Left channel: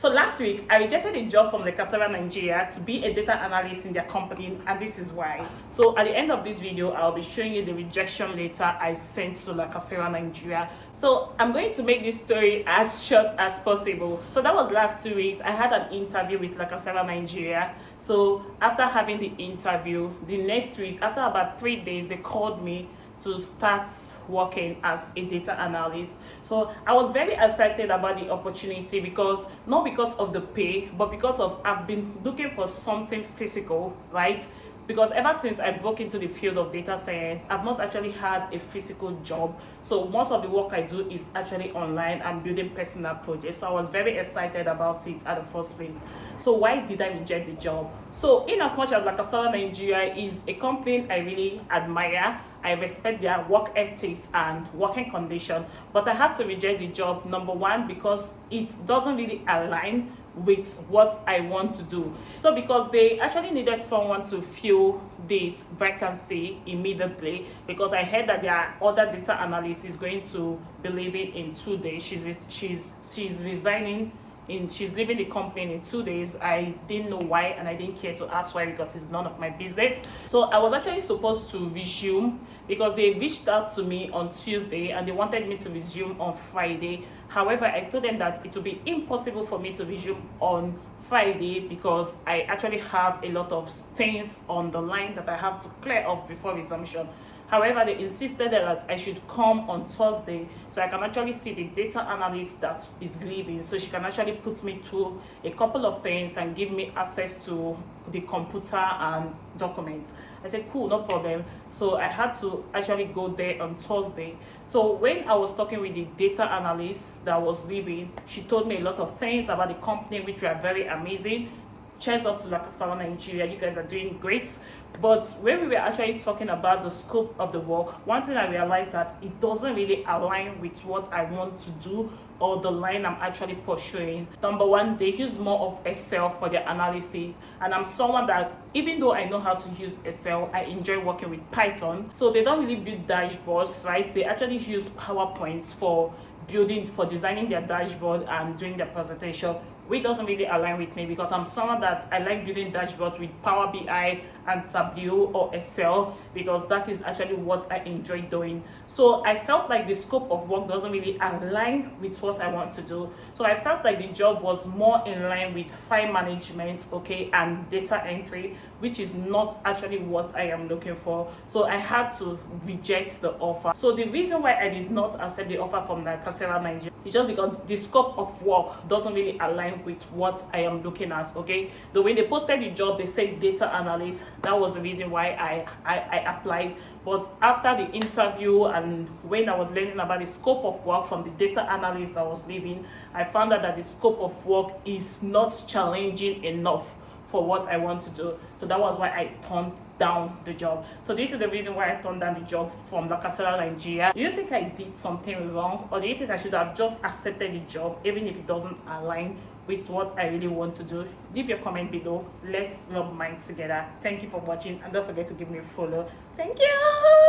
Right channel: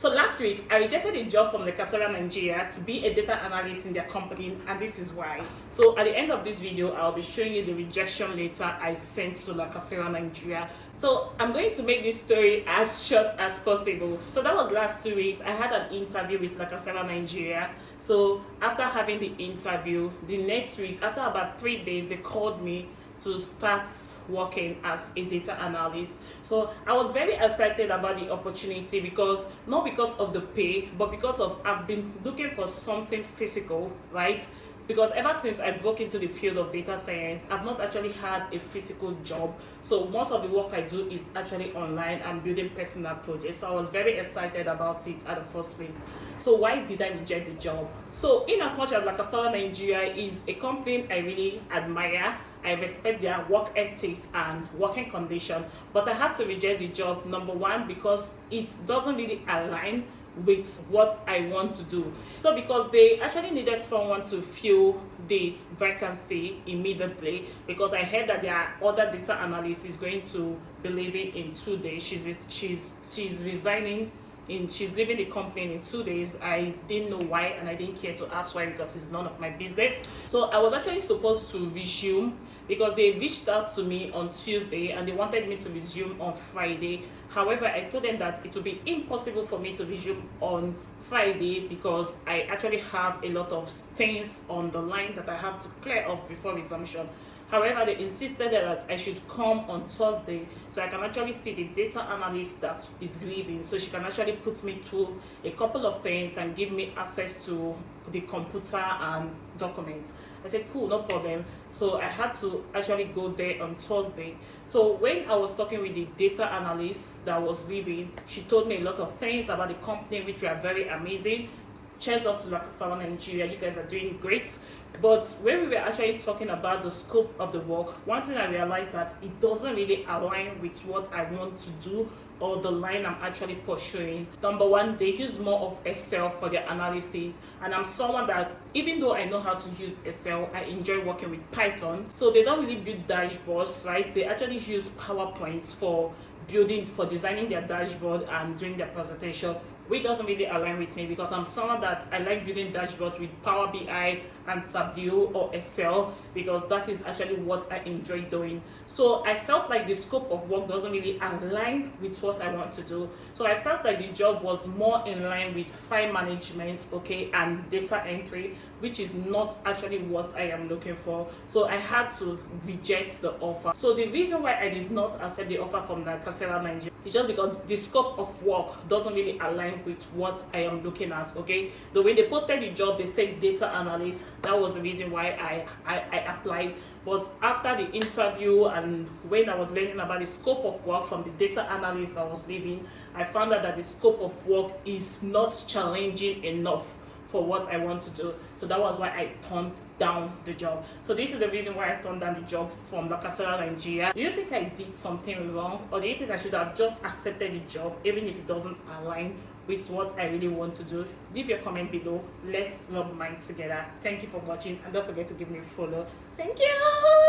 So last week, I rejected a job from Nigeria to be a data analyst in their company, and this is why. So at the end of this video, I'll be showing you the rejection letter I sent to Nigeria. So I'm going to make this story as short as possible. So that was last 2 weeks. I had an interview with Nigeria. So after having the interview, the next week, after about 3 days, they called me to start working as a data analyst. So I was very excited about the opportunity because not because of the pay, but because of I've been looking for something physical, right? Because ever since I broke into the field of data science, I've not actually had a physical job. So most of the work I do is actually online and building personal projects. So I was very excited about it at the first place. So why did I reject the job? So in as much as Nigeria is a company I really admire, I respect their work ethics and working condition, but I had to reject the job, number one, because it doesn't really align with what I want to do. So because they actually needed someone to fill this vacancy immediately, because I heard that their other data analyst is going to be leaving in 2 days. She's resigning. She's leaving the company in 2 days. I didn't know why, and I didn't care to ask why because it's none of my business. So I was actually supposed to resume because they reached out to me on Tuesday and they wanted me to resume on Friday. However, I told them that it would be impossible for me to resume on Friday because I actually have a lot of things on the line that I have to clear off before resumption. However, they insisted that I should come on Thursday so I can actually see the data analyst that is leaving, so she can actually put me through a couple of things and give me access to the computer and documents. I said, cool, no problem. So I had to actually go there on Thursday. So when I was talking with the data analyst that was leaving, she told me a lot of things about the company which were very amazing. Cheers up to Nigeria, you guys are doing great. But when we were actually talking about the scope of the work, one thing I realized that it doesn't really align with what I want to do or the line I'm actually pursuing. Number one, they use more of Excel for their analysis, and I'm someone that, even though I know how to use Excel, I enjoy working with Python. So they don't really build dashboards, right? They actually use PowerPoint for designing their dashboard and doing their presentation, which doesn't really align with me because I'm someone that I like building dashboards with Power BI and Tableau or Excel because that is actually what I enjoy doing. So I felt like the scope of work doesn't really align with what I want to do. So I felt like the job was more in line with file management, okay, and data entry, which is not actually what I am looking for. So I had to reject the offer. So the reason why I did not accept the offer from Nigeria is just because the scope of work doesn't really align with what I am looking at, okay? The way they posted the job, they said data analyst. That was the reason why I applied. But after the interview and when I was learning about the scope of work from the data analyst that was leaving, I found out that the scope of work is not challenging enough for what I want to do. So that was why I turned down the job. So this is the reason why I turned down the job from Nigeria. Do you think I did something wrong, or do you think I should have just accepted the job even if it doesn't align with what I really want to do? Leave your comment below. Let's rub minds together. Thank you for watching, and don't forget to give me a follow. Thank you.